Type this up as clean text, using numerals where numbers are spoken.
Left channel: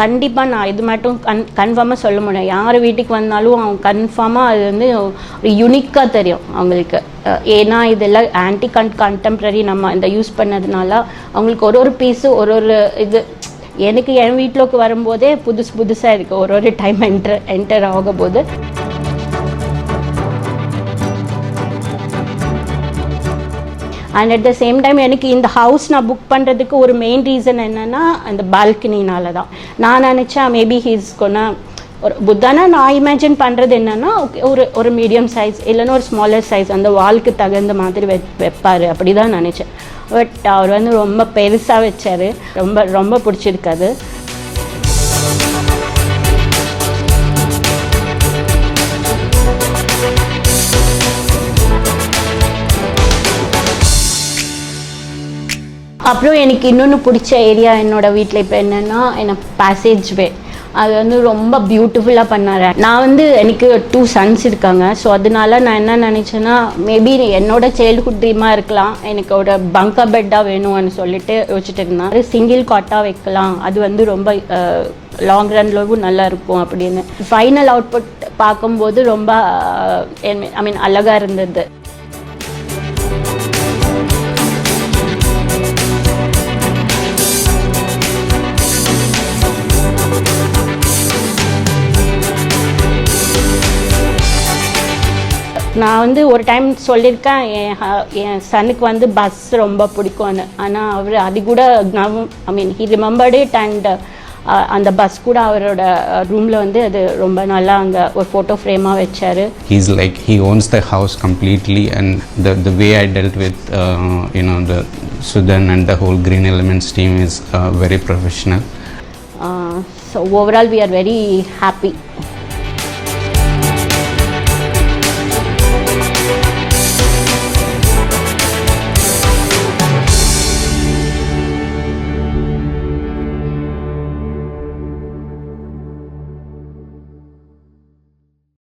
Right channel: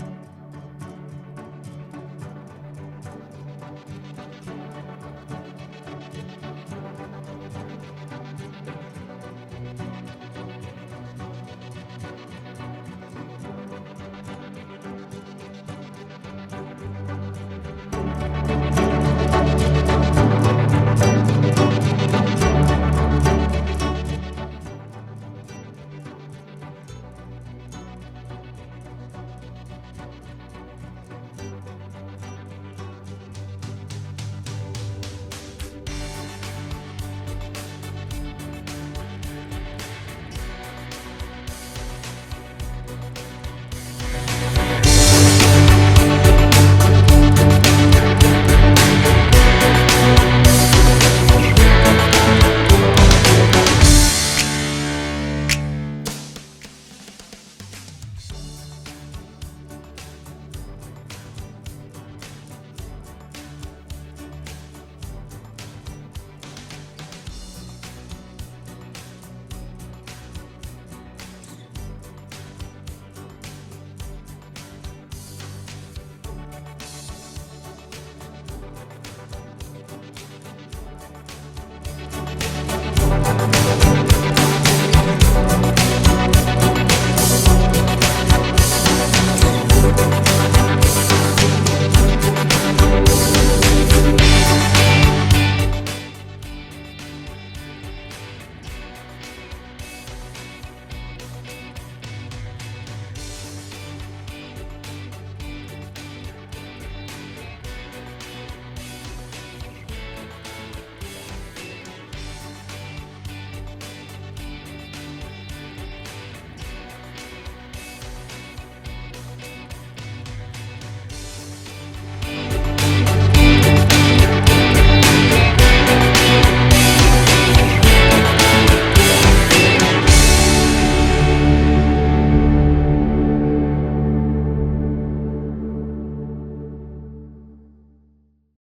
கண்டிப்பாக நான் இது மட்டும் கன்ஃபார்மாக சொல்ல முடியும். யார் வீட்டுக்கு வந்தாலும் அவங்க கன்ஃபார்மாக அது வந்து ஒரு யூனிக்காக தெரியும் அவங்களுக்கு. ஏன்னா இதெல்லாம் ஆன்டி கண்டெம்ப்ரரி நம்ம இந்த யூஸ் பண்ணதுனால அவங்களுக்கு ஒரு பீஸு ஒரு இது எனக்கு என் வீட்டிலோக்கு வரும்போதே புதுசாக இருக்குது ஒரு டைம் என்டர் ஆகும்போது. And at the same time எனக்கு இந்த ஹவுஸ் நான் புக் பண்ணுறதுக்கு ஒரு மெயின் ரீசன் என்னென்னா அந்த பால்கனினால தான். நான் நினச்சேன் மேபி ஹீஸ் கொன்னா ஒரு புத்தானா நான் இமேஜின் பண்ணுறது என்னென்னா ஒரு மீடியம் சைஸ் இல்லைன்னா ஒரு ஸ்மாலர் சைஸ் அந்த வால்க்கு தகுந்த மாதிரி வைப்பார் அப்படி தான் நினச்சேன். பட் அவர் வந்து ரொம்ப பெருசாக வச்சார். ரொம்ப பிடிச்சிருக்காது. அப்புறம் எனக்கு இன்னொன்று பிடிச்ச ஏரியா என்னோடய வீட்டில் இப்போ என்னென்னா எனக்கு பேசேஜ் வே அது வந்து ரொம்ப பியூட்டிஃபுல்லாக பண்ணார். நான் வந்து எனக்கு 2 சன்ஸ் இருக்காங்க. ஸோ அதனால நான் என்ன நினச்சேன்னா மேபி என்னோட சைல்டுஹுட் ட்ரீமாக இருக்கலாம், எனக்கு ஒரு பங்கா பெட்டாக வேணும்னு சொல்லிட்டு யோசிச்சுட்டு இருந்தேன். சிங்கிள் காட்டாக வைக்கலாம், அது வந்து ரொம்ப லாங் ரன்லவும் நல்லா இருக்கும் அப்படின்னு. ஃபைனல் அவுட்புட் பார்க்கும்போது ரொம்ப ஐ மீன் அழகாக இருந்தது. நான் வந்து ஒரு டைம் சொல்லியிருக்கேன் என் சனுக்கு வந்து பஸ் ரொம்ப பிடிக்கும்னு. ஆனால் அவர் அது கூட I mean he remembered it. And அந்த பஸ் கூட அவரோட ரூமில் வந்து அது ரொம்ப நல்லா அங்கே ஒரு ஃபோட்டோ ஃப்ரேமாக வச்சார். He's like he owns the house completely, and the way I dealt with the Sudan and the whole Green Elements team is very professional. So overall we are very happy.